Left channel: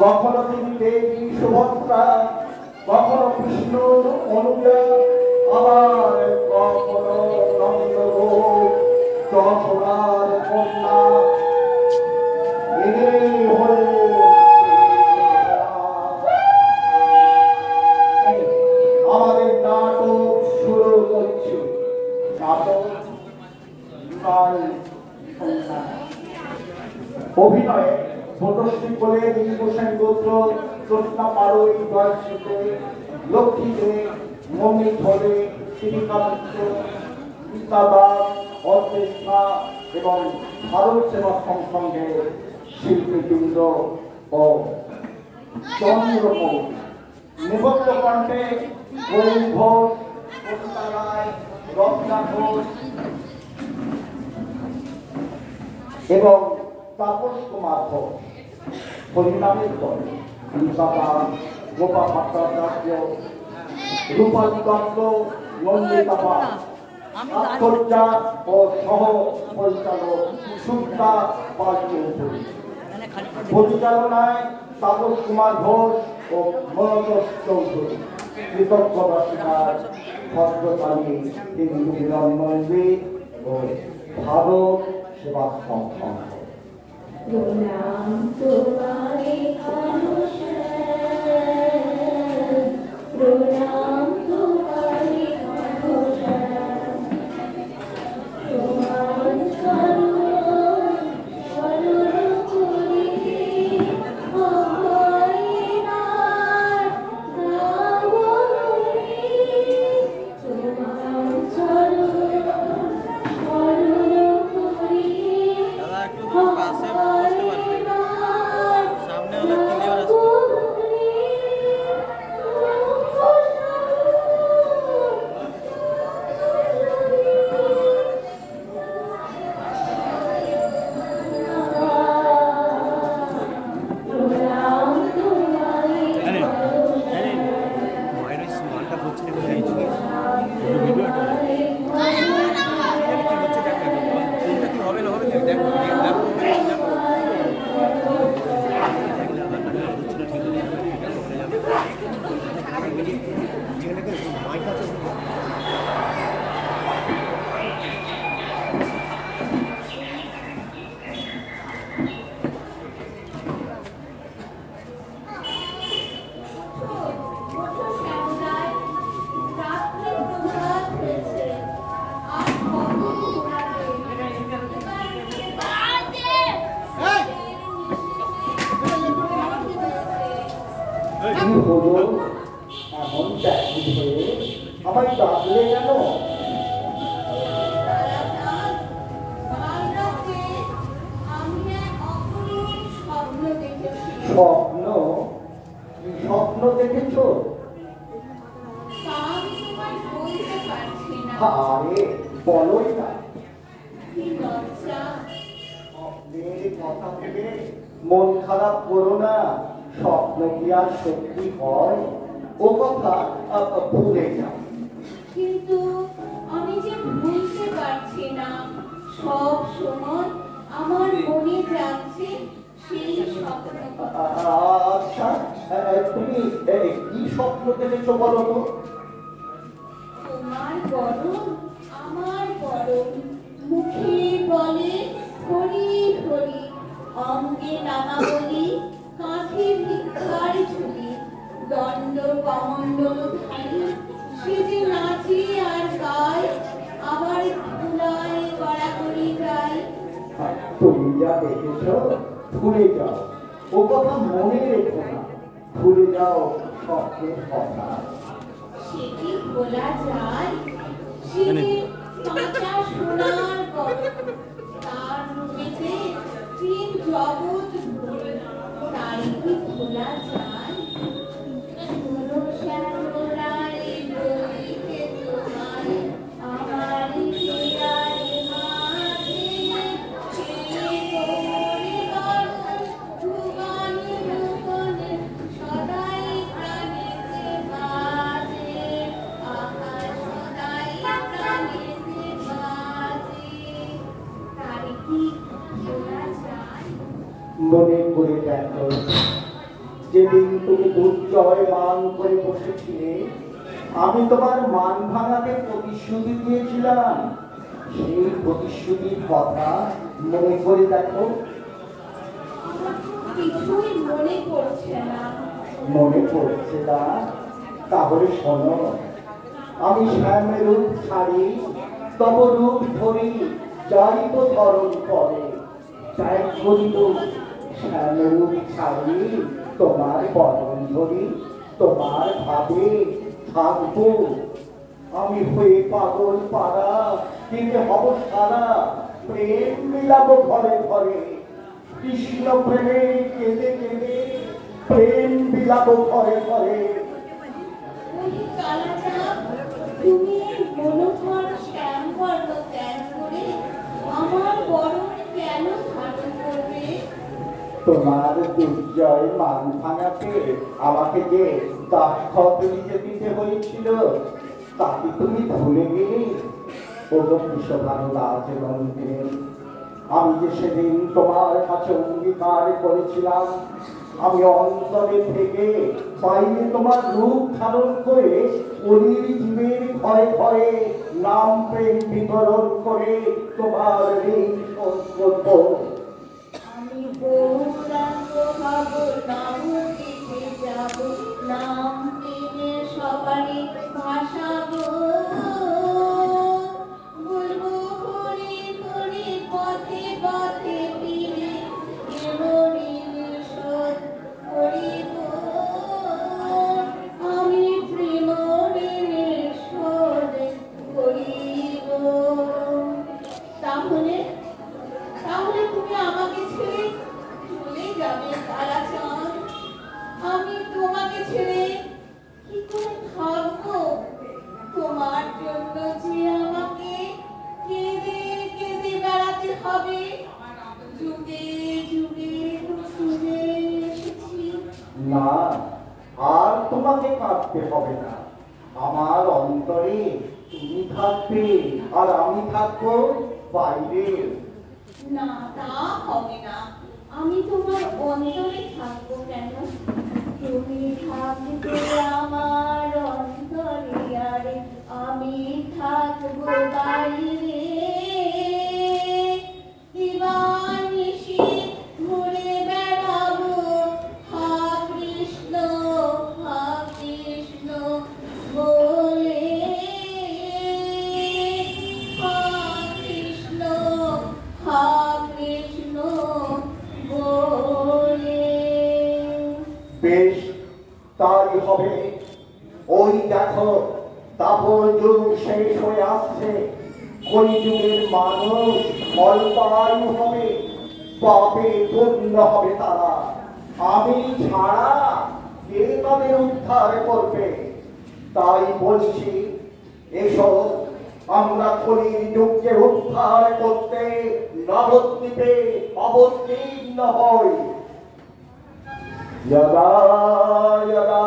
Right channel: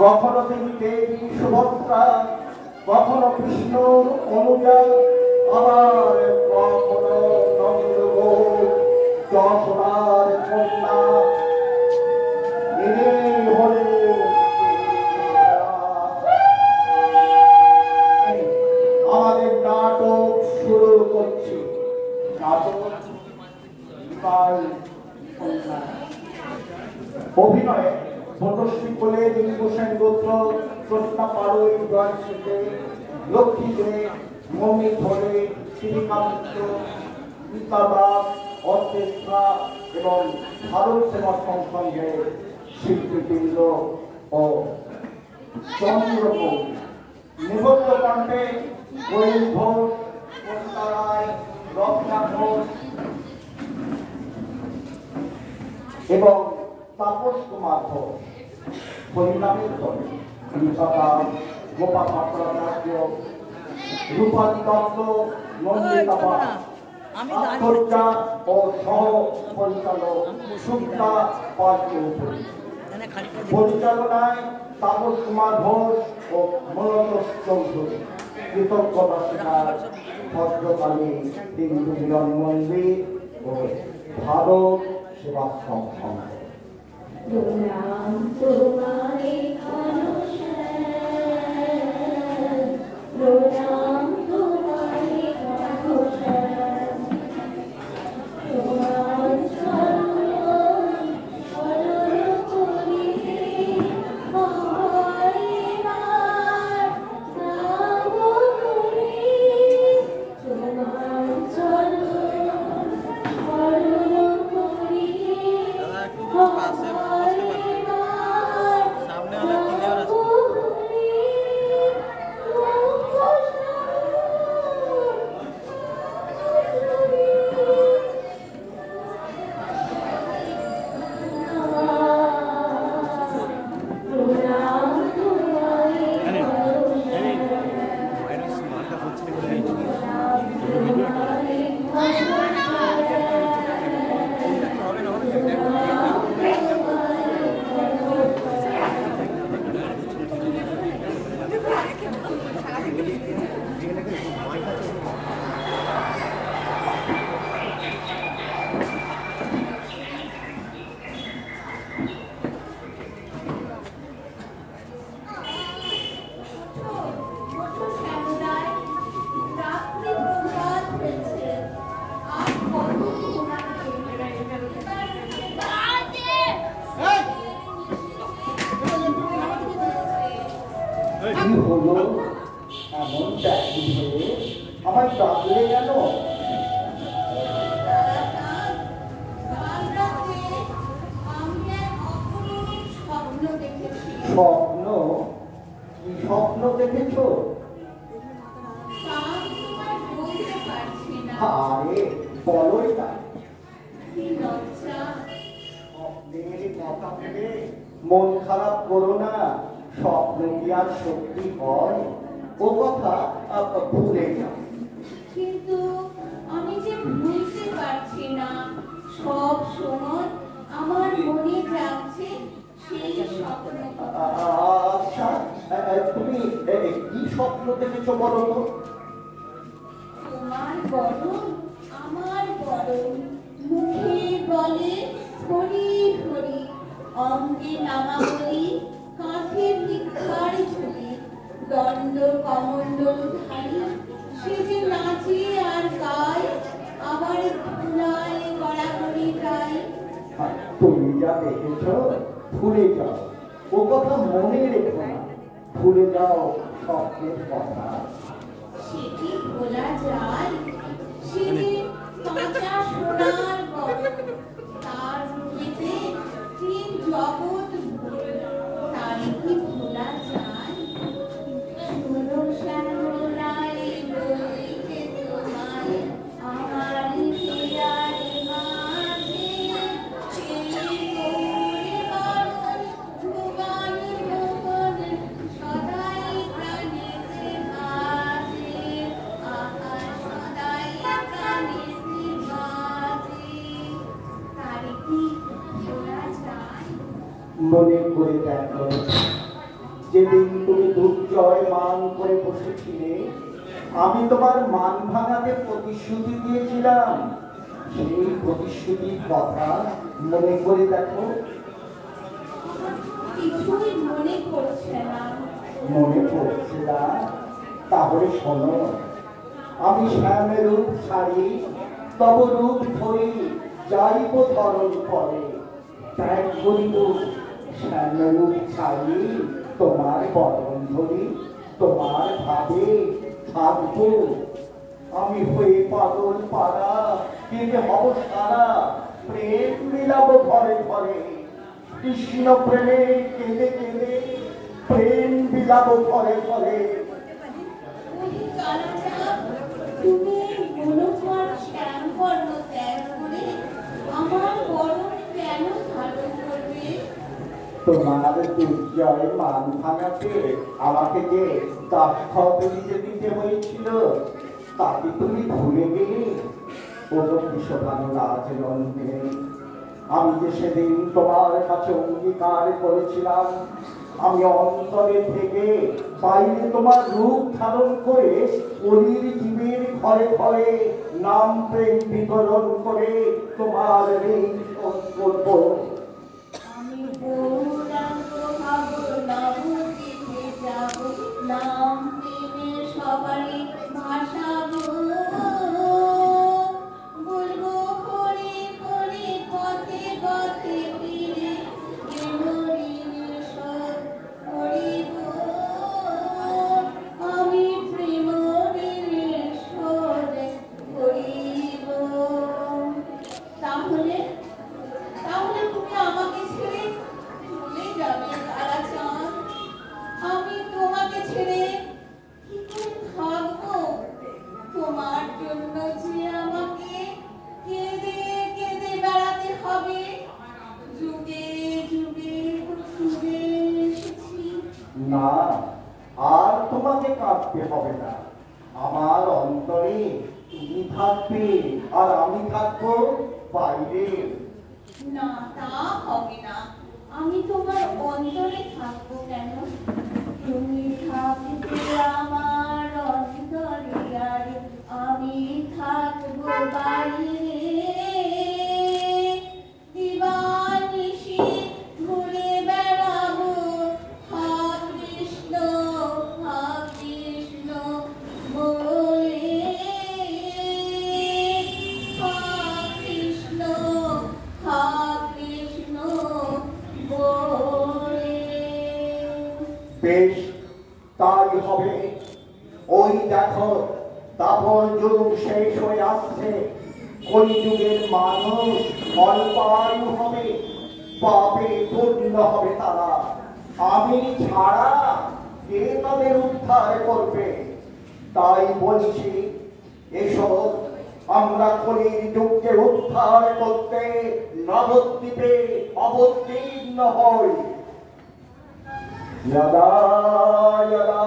কখনো তিনি দেবী সুভদ্রা, কখনো কৃষ্ণর অনুজা, আবার কখনো নন্দগোপ যশোদার কন্যা। আমাদের নাটক শুরু করছি। নাটক অভিনয়ে পটশ্রী কোলে গোসাই গোত্র, কৃষ্ণা পাড়ই বয়সে, লক্ষ্মী দে, মন্দির ধরে, শিবিকা মিত্র, গীতাবাস, অর্কেস্ট্রা এবং ভারত সেবা সংসঙ্গের শিল্পীবৃন্দ ও চন্দ্রকোট। নিবন্ধ কণ্ঠে গরিব ঘোষ, কবিতা রায়, রত্না ঘোষ এবং তাপস কুমার ঘোষ। হরিনামের দলে নিপাতা, গোপা ভট্টাচার্য, রূপালী দত্ত, নন্দিতা দাস, আত্মহত্যা ও সহ পরিচালক সুতা পাল্টি উপরি। পরিচালনায় তাপস কুমার ঘোষ ও মনোজ চৌধুরী। কৃতজ্ঞতা স্বীকার ভদ্রকালী দেবী মিলন মন্দির ও ভারত সেবা সংসদ। স্বপ্ন দেখেছ? আরে বলোই না, স্বপ্নের কথা ভেবে মন খারাপ করো না। স্বপ্ন কি আর সত্যি হয়? ও কথা ভুলে না। কিন্তু আমি যে বুঝতে পারছি না, সব সময় আমার মনে যাচ্ছে সেই স্বপ্ন। আচ্ছা, তুমি কি স্বপ্ন দেখেছো বলো তো? তোমার বরণ আমার বরণ, মুখে বলে হরি হরি, অঙ্গে নামাবলী, কাঁধে ভিক্ষার ঝুলি, দণ্ড কমণ্ডল ধারী, সে যে নাচে আর গায়, আবার ধুলায় কড়াকড়ি গায়। তুমি যা দেখেছ ভুলে যাও, ও কথা মনে রেখো না। ভুলে যাও স্বপ্নের কথা। সেটি ভোলা যায়? সে যে কাঁচা সোনার গড়, তার রূপেতে তিন জগৎ ভরে, তাই কি ভোলা যায়? শোনো শ্যামলায় বলিতে তোমায়, আমার প্রিয়ার মাঝে, সে মোরে বারণ ভুবন মোহন, সদাই প্রাণেতে বাজে, আকাশ সদাই প্রাণেতে বাজে। তাই কি ভোলা যায়? মনে করে দেখো যেদিন তুমি দুর্জয় মান করে বসেছিলে, আমি তোমার মান ভাঙাতে প্রতিশ্রুতি দিয়েছিলাম। সেই প্রতিশ্রুতির কথা মনে করে দেখো। আমার কিছুই মনে পড়ছে না। মনে পড়ছে না? তাহলে শোনো, আমি শ্যামের রূপ ছাড়ি, তব রূপ ধরি, যাইব ধরণ করে। ত্যাগ করিব শ্যামের রূপ ছাড়ি, তোমার বরণ ধরি, তোমার ভাবে থাকবো। আমি হয়ে পাগল পাড়া, কেঁদে হব সারা, প্রেম মিলাবো ঘরে ঘরে। কৃষ্ণ প্রেমে কেঁদে কেঁদে প্রেম বিলাবো ঘরে ঘরে। ওই কালাচাঁদ, তুমি মনোহর শ্যামবর্ণ ত্যাগ করে আমার বরণ কেন ধারণ করবে? তোমার দুর্জয় মান ভাঙাতে আমাকে যে দাক্ষত নিজে দিতে হয়েছিল, তাকে তুমি ভুলে গেলে? আমি যে সেদিন তোমার কাছে অঙ্গীকার করেছিলাম, আমি অন্তরে থেকে বাইরে তোমার রূপ ধারণ করে অলির জীবের ঘরে ঘরে নাম প্রেম বিতরণ করে তোমার ঋণ শোধ করব। আমি গৌরাঙ্গ হব, নবদ্বীপে যাব, নাম প্রেমে সবারই ভাসাবো। বলবো হরি হরি পথে পথে ফিরে, এমরিল শোধ করিব। আমি প্রেম ঋণের শোধ করিব। তাহলে তাহলে তুমি আমাকে ছেড়ে চলে যাবে কালাচাঁদ? আমি তোমাকে ছেড়ে কি করে থাকবো? তোমার জন্য যে আমাকে কেঁদে কেঁদে বেড়াতে হবে। যুগে যুগে শুনে এসেছি। না, আর তোমাকে কাঁদতে হবে না। আমার অন্তরে তুমি থাকবে, আর আমি থাকবো বাইরে। না, তা হবে না। আমি তোমার অন্তরে থাকবো কেন? তুমি থাকবে আমার অন্তরে, আর আমি থাকবো বাইরে। দিবানিশি ঘুরে বেড়াবো, হা কৃষ্ণ বলে। হা কৃষ্ণ বলে। বেশ, তাই হবে। ওই দেখো, দাপর যুগ শেষ হয়ে আসছে। কলিযুগের মানুষ অল্পায়ু হবে, পাপে পূর্ণ হবে তারা। আমি ছাড়া কে তাদের উদ্ধার করবে? তাই বলছি, এসো আমরা কলির যুগকে উদ্ধার করতে নবদ্বীপে অবতীর্ণ হই। यदा यदा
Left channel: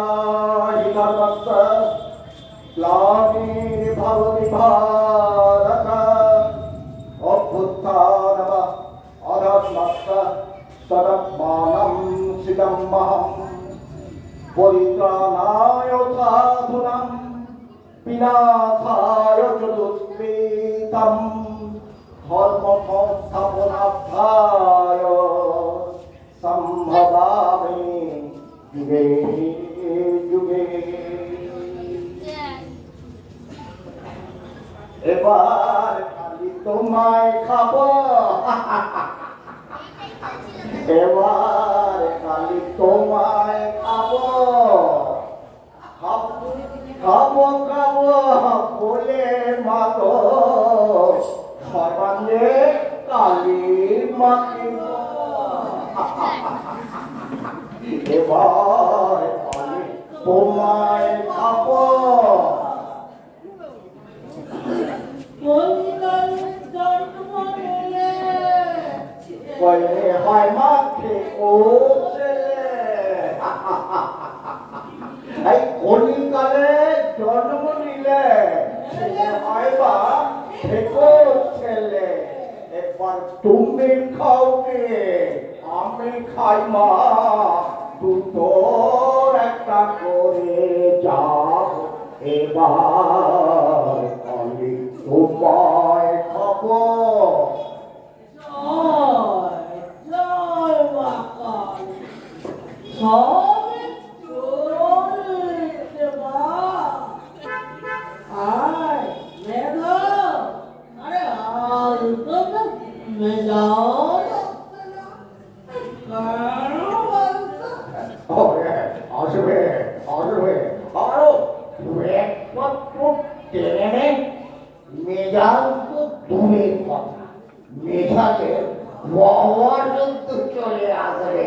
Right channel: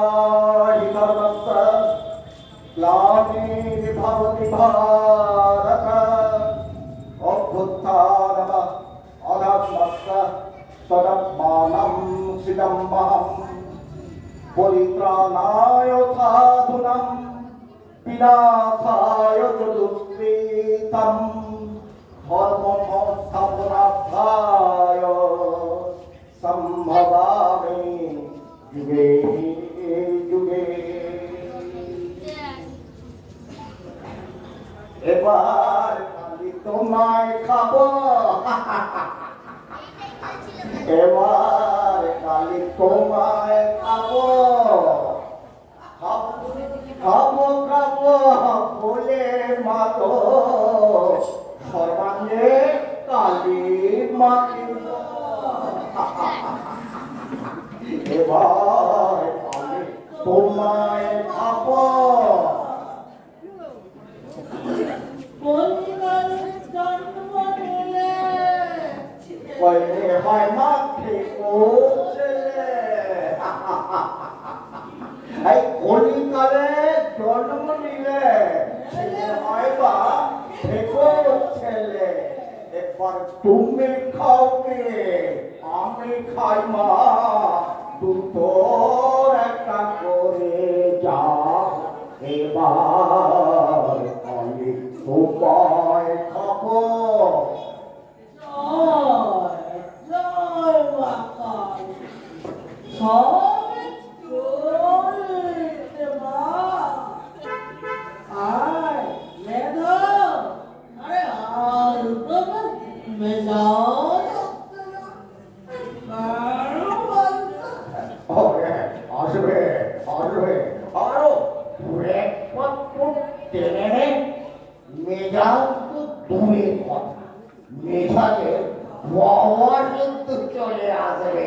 हि धर्मस्य ग्लानिर्भवति भारत, अभ्युत्थानम् अधर्मस्य तदात्मानं सिदमहं। परित्राणाय साधूनां विनाशाय च दुष्कृतं, धर्म संस्थापनार्थाय संभवामि युगे युगे। এবার খালি তোমায় খাবো, এবার খালি তোমায় খাবো। খাবো খাবো বলে মাতো সবালে কালি মাতিব। এবার আমি তোমায় খাবো। কইলে হয় মাকে ও ছেলে, এই কলিকালে জন্ম নিলে ছেলে হয় বা থেকো ছেলে। একবার তুমি খাওগে, আমি খাই মা দুটো সবে চলছে বা আয় মেধা আরে আর তো মেজাও আসবে আসবে আরো একমাত্র টেনে মেজাজ তো দূরের কথা মেজাজের বাবা কিন্তু চলে আসবে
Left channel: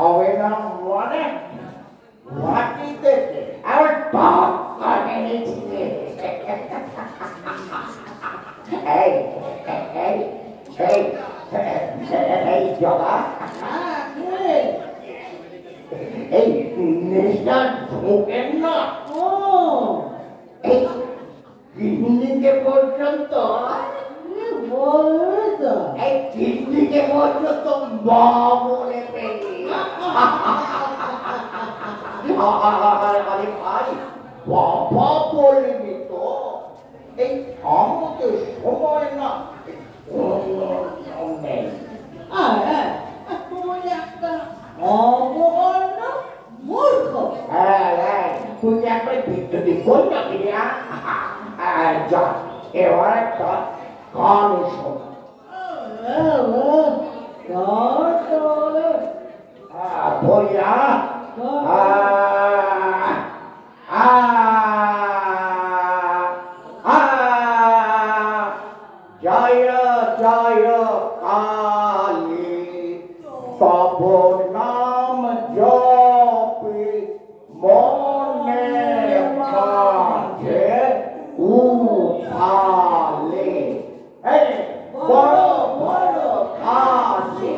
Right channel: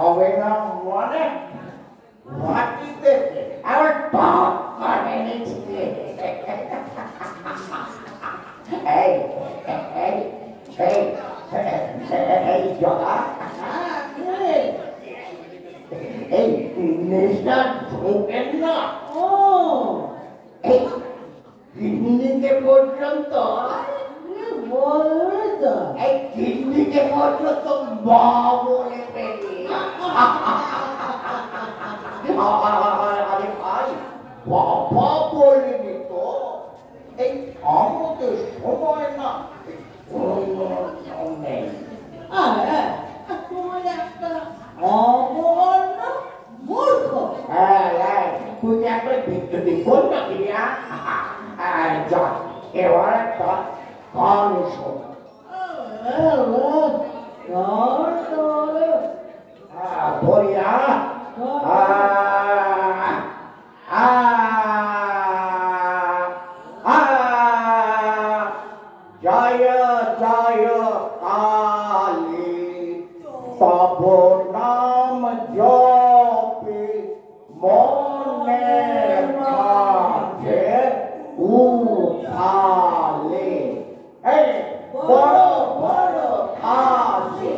হবে না মনে মাটিতে আবার টপ করে নিচ্ছে এই জগা এই নেশা ঢোকেন না এই কিডনিকে পর্যন্ত এই কিডনিকে পর্যন্ত মা বলে পেলি আরে ভাই বাবা বলবি তো এই আমাকে সময় না নেই তুই একটা বিদ্যুৎ করতে যা এবার একটা গান শোন ভরিয়া জয় জয় কালী তব নাম জপে মনে মাঝে উঠালে বড় বড় খাসি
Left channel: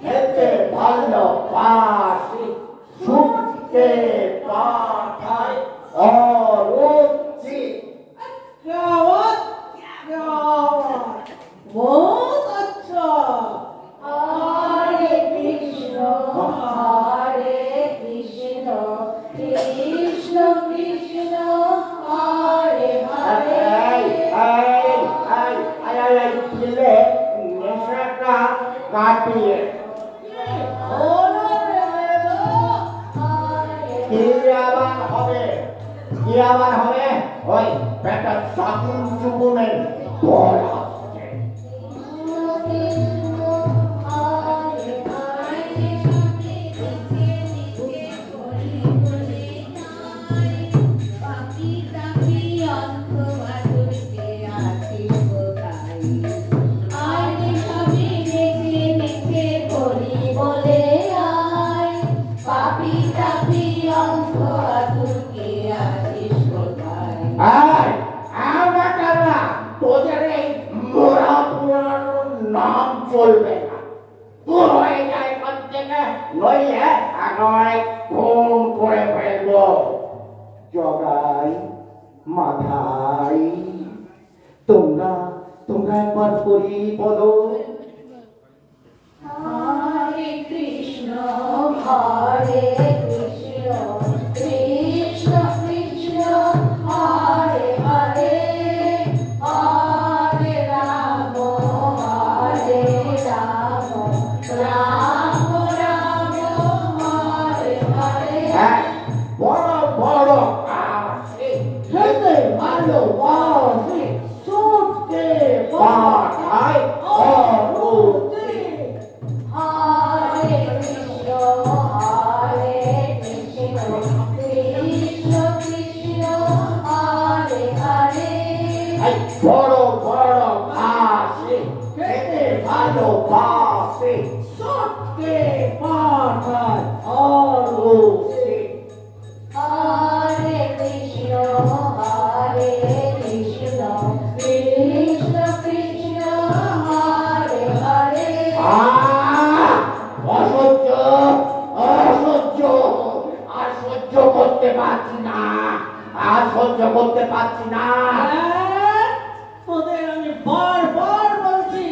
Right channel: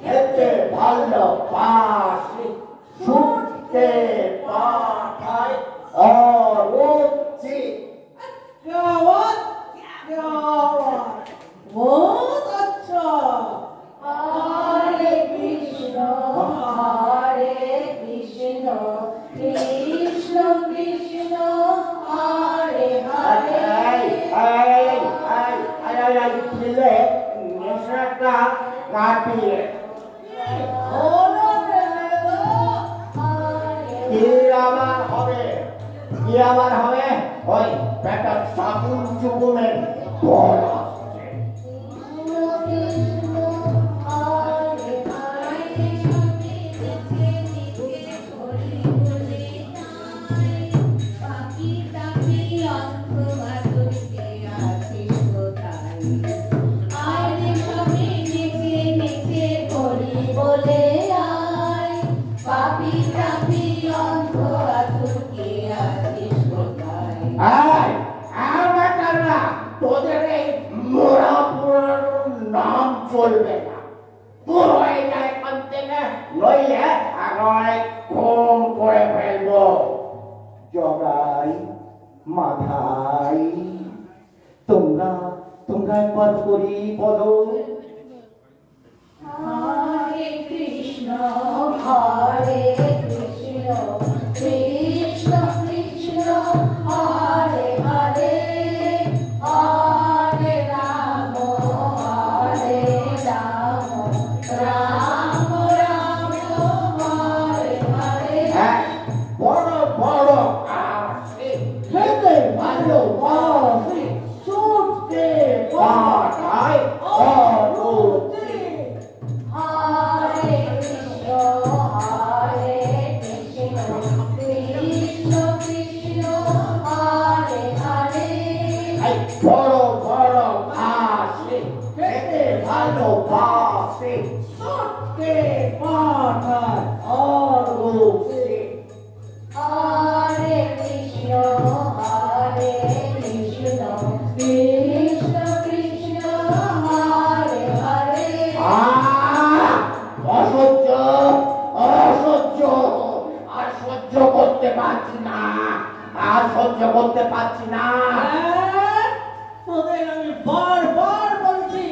খেতে ভালোবাসি ছুটতে পাঠায় অরুচি बहुत अच्छा हरे कृष्ण कृष्ण कृष्ण हरे हरे নেশাটা কাটিয়ে কি আবার হবে ওই বেটা সাকুন চুকুমের বল আসছে তোদের এই মোড়া পুরানোর নাম চলবে না দূর হয়ে যায় এখান থেকে নইলে একেবারে খুন করে ফেলবো জগাই মাথাই তোমরা একবার করি বলো हरे कृष्ण कृष्ण कृष्ण हरे हरे हरे राम राम राम हरे हरे বড় বড় আসে খেতে ভালোবাসে ছুটতে পাঠায় অরুচি हरे कृष्ण कृष्ण कृष्ण हरे हरे বড় বড় আসে খেতে ভালোবাসে ছুটতে পাঠায় অরুচি हरे कृष्ण कृष्ण कृष्ण हरे हरे অসহ্য অসহ্য আর সহ্য করতে পারছি না আর সহ্য করতে পারছি না তোদের আমি বারবার বলছি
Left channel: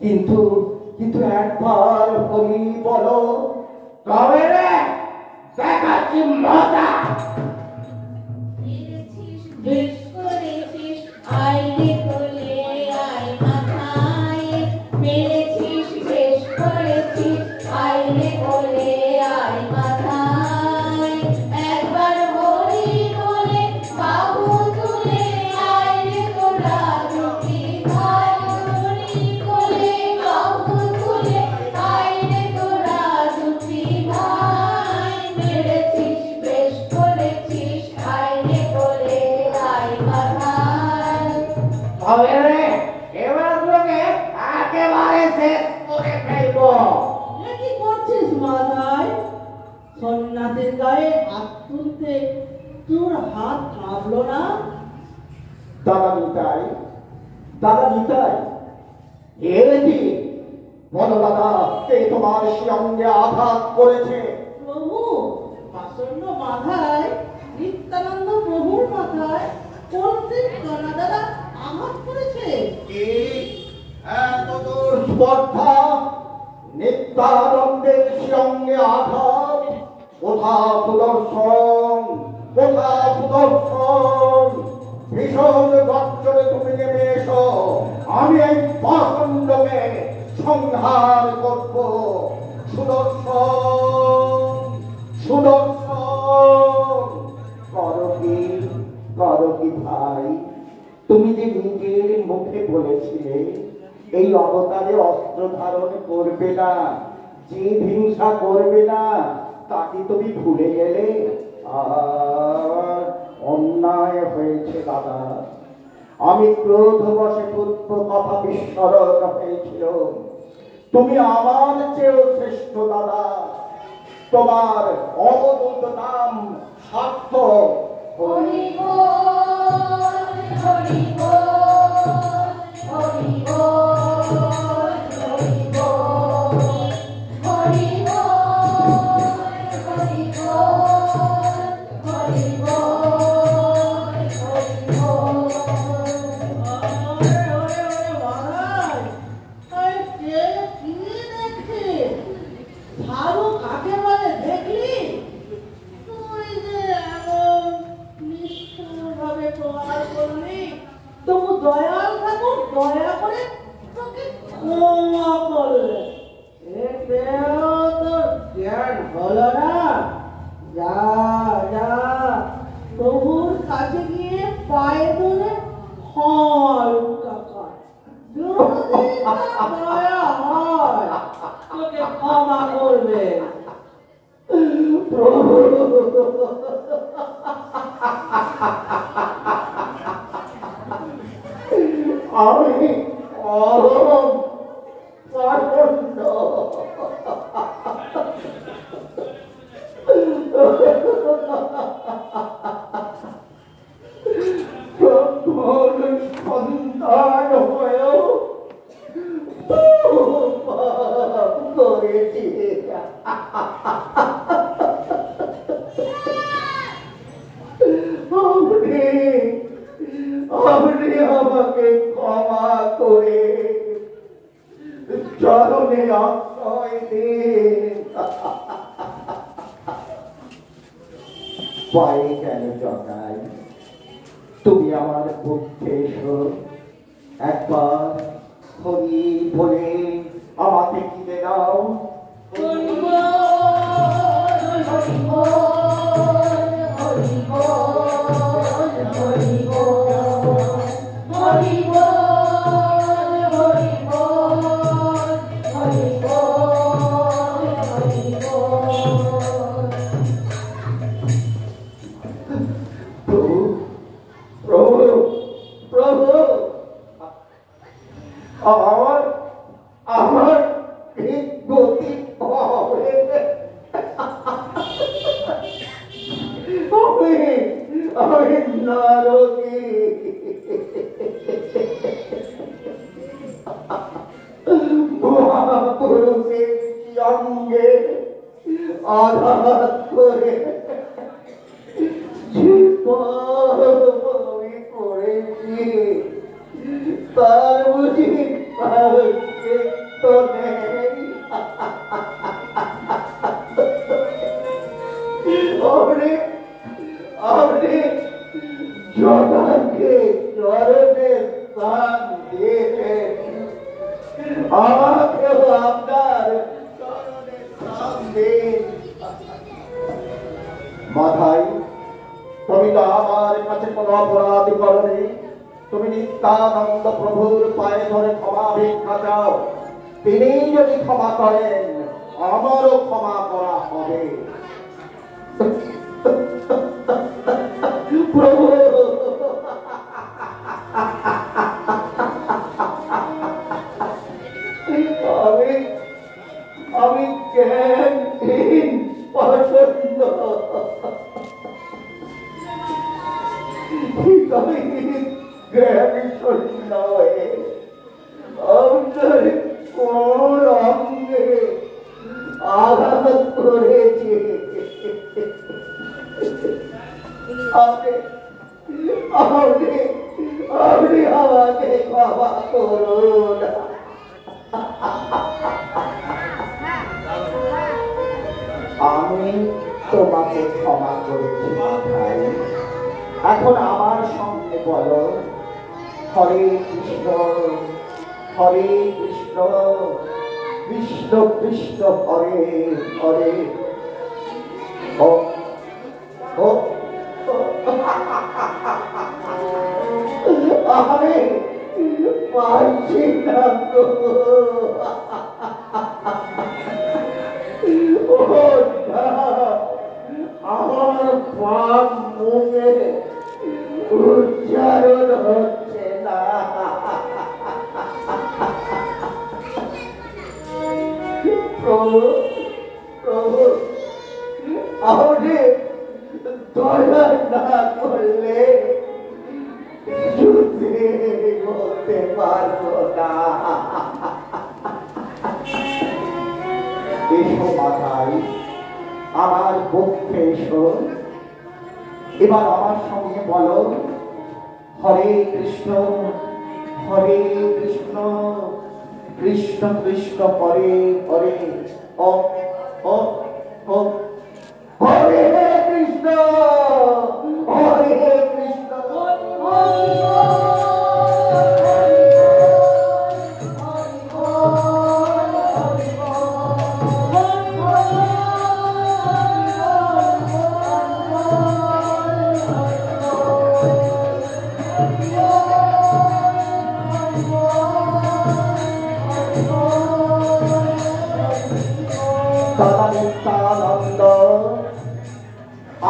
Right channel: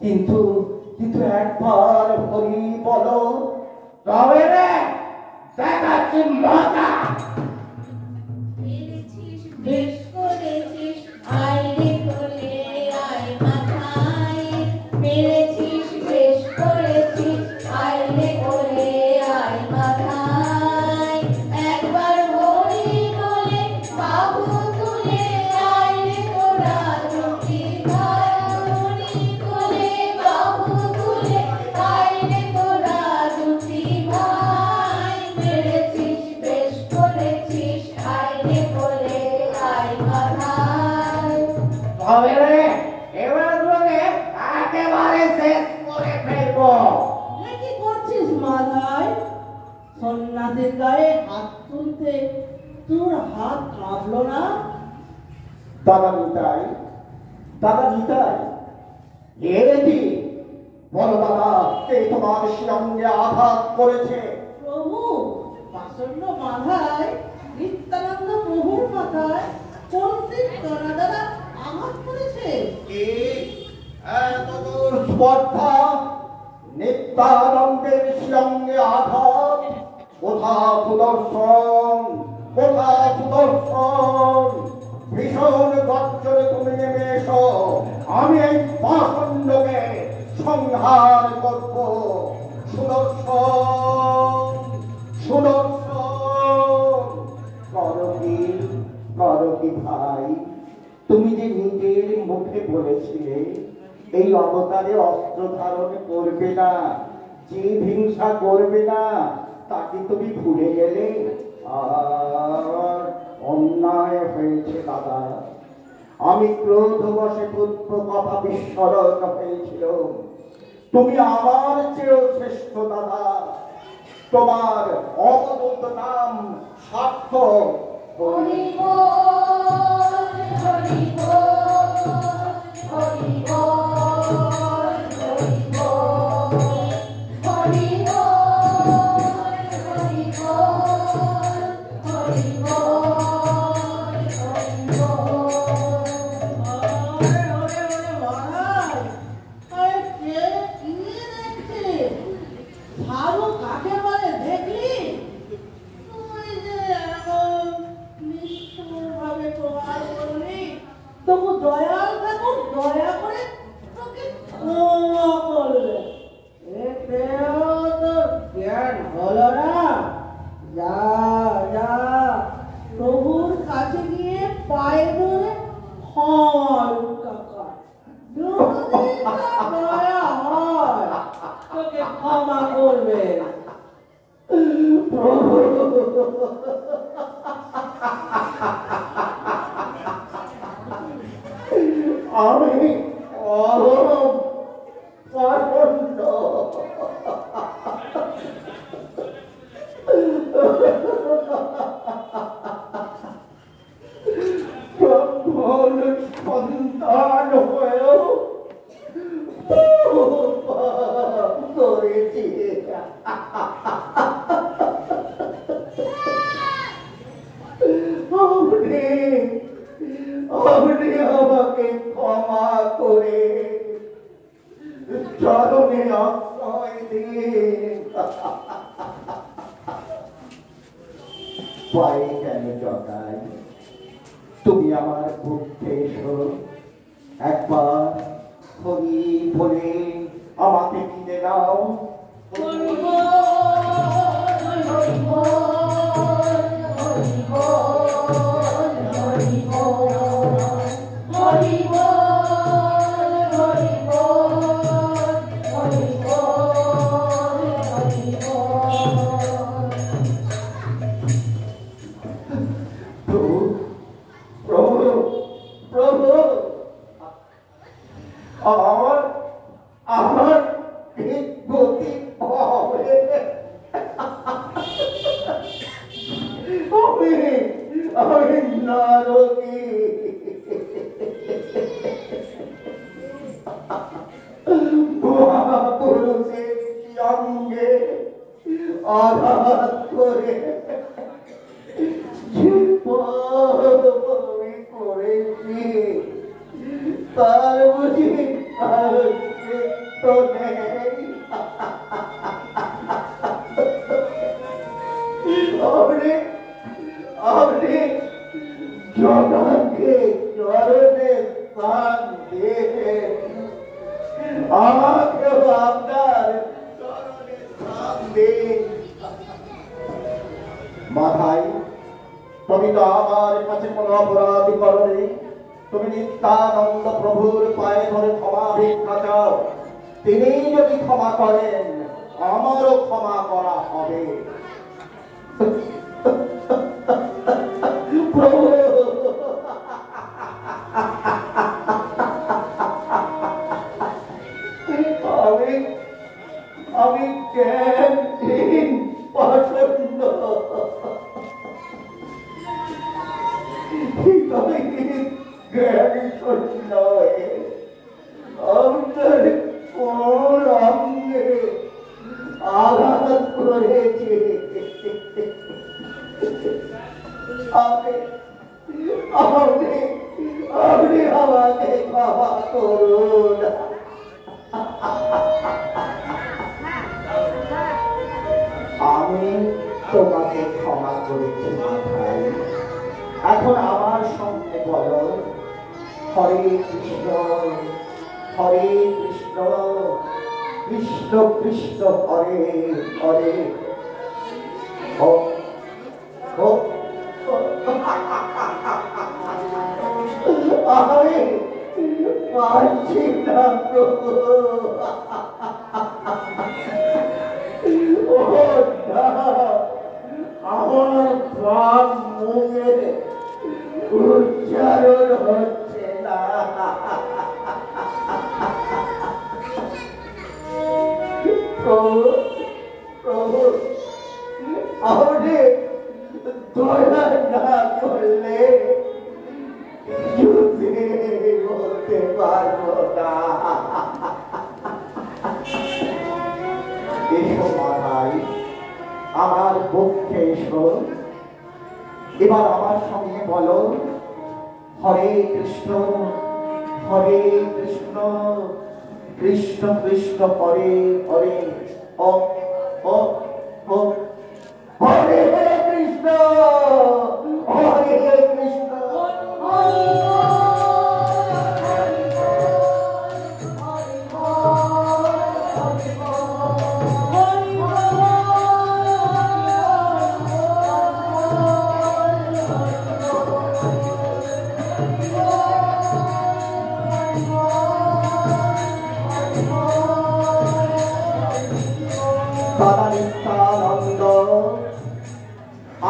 কিন্তু কিন্তু একবার হরি বলো, তবে রে দেখাচ্ছি মজা। এনেছিস বেশ করেছিস আইরে কোলে আয় মাথায়, মেরেছিস বেশ করেছিস আইরে কোলে আয় মাথায়, একবার হরি বলে বাবু তুলে আইরে তোরা দুটি ভাই, হরি বলে বাবু তুলে আইরে তোরা দুটি ভাই, মেরেছিস বেশ করেছিস আইরে কোলে আয় মাথায়। তবে রে এবার তোকে একেবারে শেষ করে ফেলবো। এ কি করছিস মাথায়? সন্ন্যাসীর গায়ে হাত তুলতে তোর হাত কাঁপলো না? দাদা নিতাই, দাদা নিতাই, এর কি বলো দাদা, কে তোমার সঙ্গে আঘাত করেছে? প্রভু, পাষণ্ড মাথায়, নিত্যানন্দ প্রভুর মাথায় চলতি তোরা দাদা আঘাত করেছে। কি এত দূর স্পর্ধা? নিত্যানন্দের সঙ্গে আঘাত? কোথা সুদর্শন, কোথা সুদর্শন? ভীষণ গর্জনে তুমি নেমে এসো, আমি এই পাষণ্ডকে সংহার করব। সুদর্শন, সুদর্শন, করো কি ভাই? তুমি যে নিজের মুখে বলেছিলে এই অবতারে অস্ত্র ধারণ করবে না, যে হিংসা করবে না, তাকে তুমি ভুলে গেলে? আর অন্যায় হয়েছে দাদা, আমি ক্রোধবশে পুত্র কথা বিস্মরণ হয়েছিল। তুমি আমার চেয়েও শ্রেষ্ঠ দাদা, তোমার অবদূত নাম সার্থক। হরি বল হরি বল হরি বল হরি বল হরি বল হরি বল হরি বল হরি বল। মহারাজ, কে কি দেখছে? ভালো কাকে বলে দেখলি? তুই যে এমন নিষ্ঠুরভাবে প্রহার করলি, তবু দয়াল ঠাকুর দয়া করে তোকে ক্ষমা করলে। এতেও তোর জ্ঞান হলো না? যা যা, প্রভুর কাছে গিয়ে পায়ে পড়ে ক্ষমা ভিক্ষা কর। যদি তার দয়া হয়, তোকে ক্ষমা করবে। আমি অহরম পাষণ্ড, ব্রাহ্মণ সন্তান হয়েও পাপ করেছি। আপনি আমাকে ক্ষমা করে চরণে আশ্রয় দিন। পায়ে কেন জগাই, তুমি আমার বুদ্ধে এসো, একবার হরি বলে আমাকে কিনে দাও। হরি বল হরি বল হরি বল হরি বল হরি বল হরি বল হরি বল হরি বল। প্রভু, প্রভু, প্রভু, আমার ঠিক গতি হবে। আমি নারকী, মহাপুরুষের সঙ্গে আঘাত করে যে পাপ আমি করেছি, তার বুঝি মাথায় তুমি তো আমার কাছে কোনো অপরাধ করনি, তুমি নিত্যানন্দ প্রভুর পায়ে ধরে ক্ষমা ভিক্ষা চাও, তিনি যদি ক্ষমা করেন আমারও ক্ষমা করা হবে। প্রভু আমি জ্ঞানহীন পছন্দ, জ্ঞান শূন্য হয়ে আমাদের কোন অঙ্গে আঘাত করেছে। আপনি আমাকে ক্ষমা করুন। আমি তোমাকে ক্ষমা করেছি মাথায়, এখন আমার সঙ্গে বলো হরে কৃষ্ণ হরে কৃষ্ণ কৃষ্ণ কৃষ্ণ হরে হরে। ও ও আমি পারছি না প্রভু। আমার প্রাণ মুখে উচ্চারণ হচ্ছে না। প্রভু প্রভু আপনি দয়া না করলে বলতে পারবো না। এসো মাথায়, আমার পক্ষে এসো, এবার আমার সঙ্গে বলো হরে কৃষ্ণ হরে কৃষ্ণ কৃষ্ণ কৃষ্ণ হরে হরে। ও ও ও হরে কৃষ্ণ হরে কৃষ্ণ।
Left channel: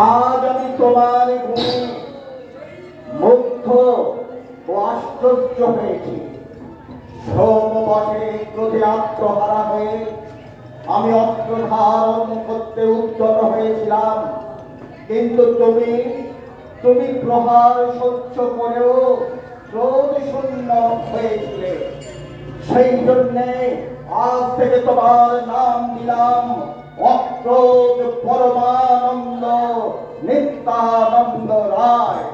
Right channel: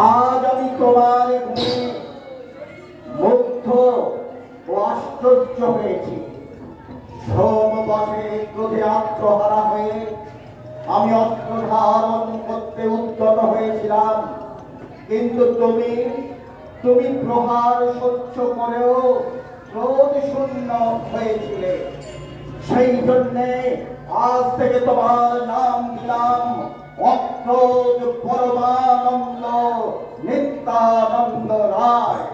আজ আমি তোমার মুগ্ধ ও আশ্চর্য হয়েছি। সোমবটে ক্রোধে আত্মহারা হয়ে আমি অস্ত্র ধারণ করতে উদ্যত হয়েছিলাম, কিন্তু তুমি প্রহার সহ্য করেও ক্রোধ শূন্য হয়েছিলে। সেই জন্যে আজ থেকে তোমার নাম দিলাম অক্রোধ পরমানন্দ নিত্যানন্দ রায়।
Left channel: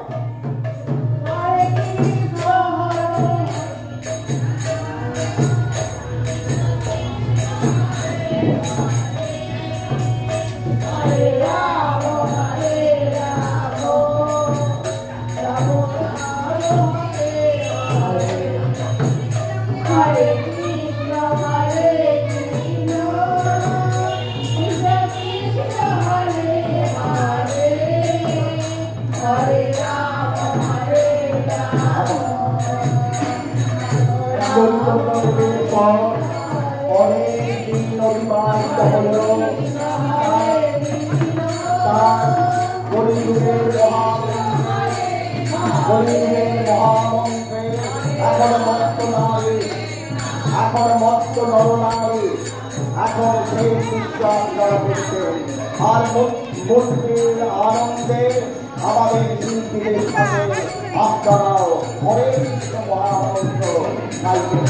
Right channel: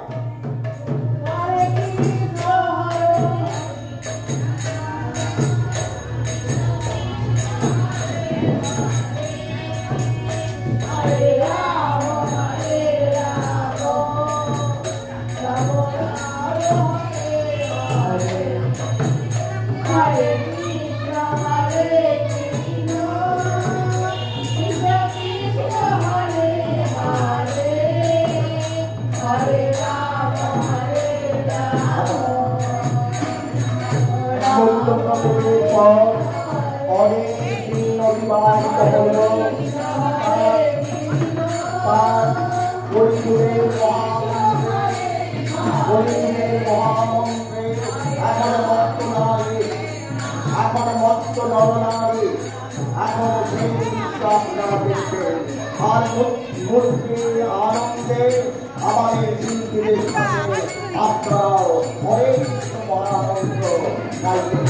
আনন্দে আমাদের দিনটির সাথে আপনারাও হরে কৃষ্ণ মহামন্ত্র গাইবেন।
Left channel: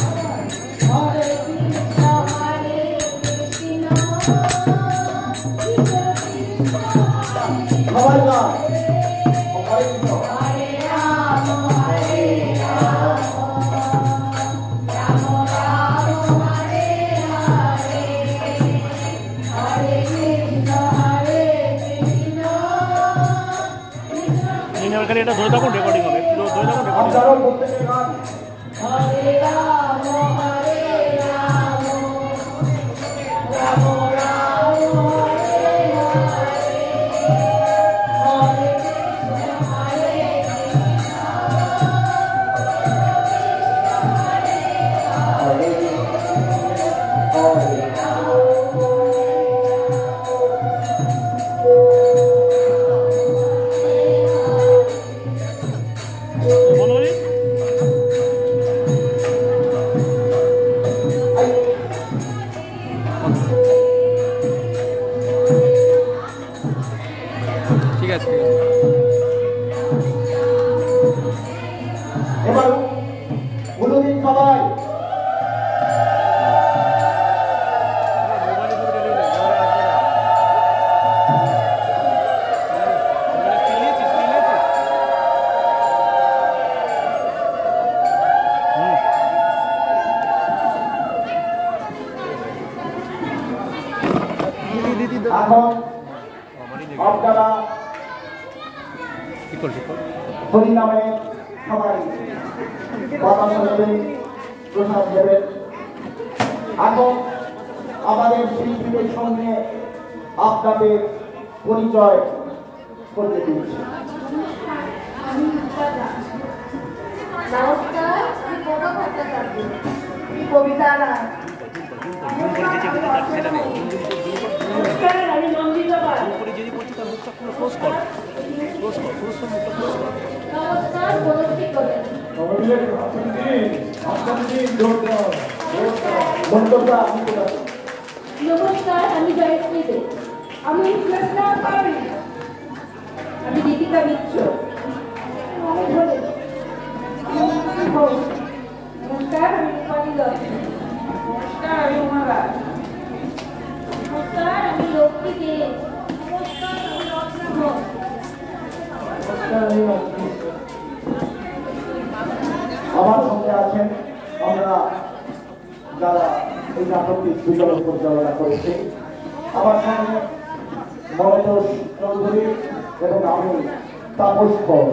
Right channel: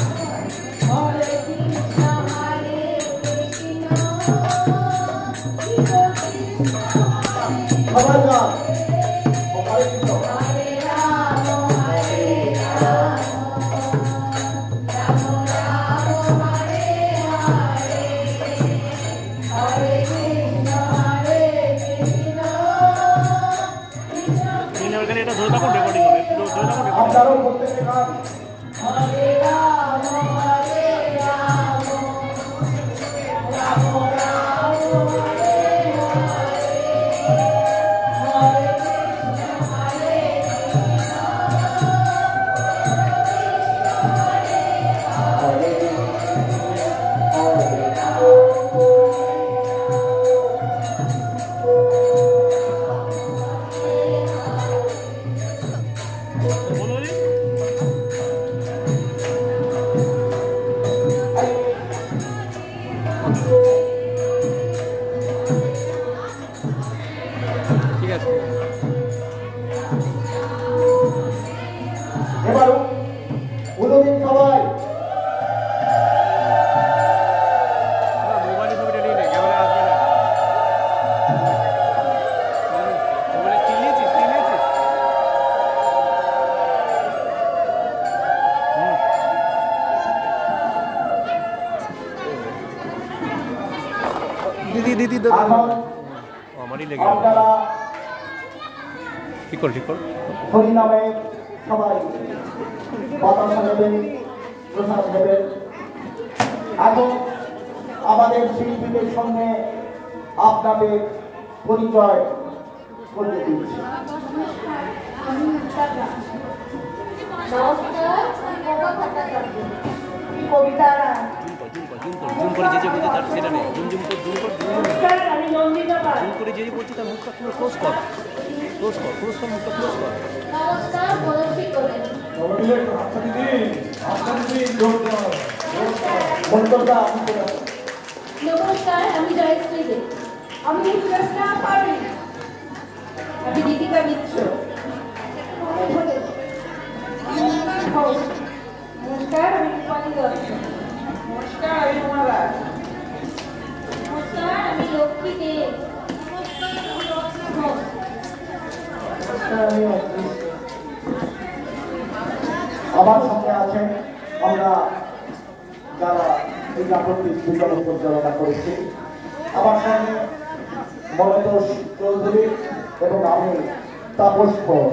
এটা ধরে থাকুন, রেকর্ডিং হবে। হরে রাম ঠিক আছে এবার কোনোদিন সবাই দিদি এখন আমারই লেগে আপনারা ঠিক কর হরিনামে সবাই বাতাস নেবেন, প্রসাদ দেবেন। এখন আমাদের শিল্পীদের সঙ্গে আপনাদের পরিচয় করে দিয়েছি। কবিতা রায়। জুম করে যে বলতে তার সেটা নেই জুম আমি নন্দিতা রায়। করে যে বলছে তার মুখটা পুরো ক্লোজ কর মুখটা ক্লোজ কর নমস্কার বলছি করেন মন্তব্যটা নমস্কার আমি জয়শ্রী দে আমি কৃষ্ণা পারি। আমি দীপিকা মিত্র নমস্কার আমি রূপালী দত্ত। নমস্কার আমি উমা রায়। নমস্কার আমি লক্ষ্মী দে নমস্কার আমি রত্না ঘোষ আমার সঙ্গে আছেন আমরা যারা এই নাটকটি দুজন পরিচালনা করেছি। আমার সঙ্গে মনোজ চৌধুরী এবং আমি তাপস ঘোষ।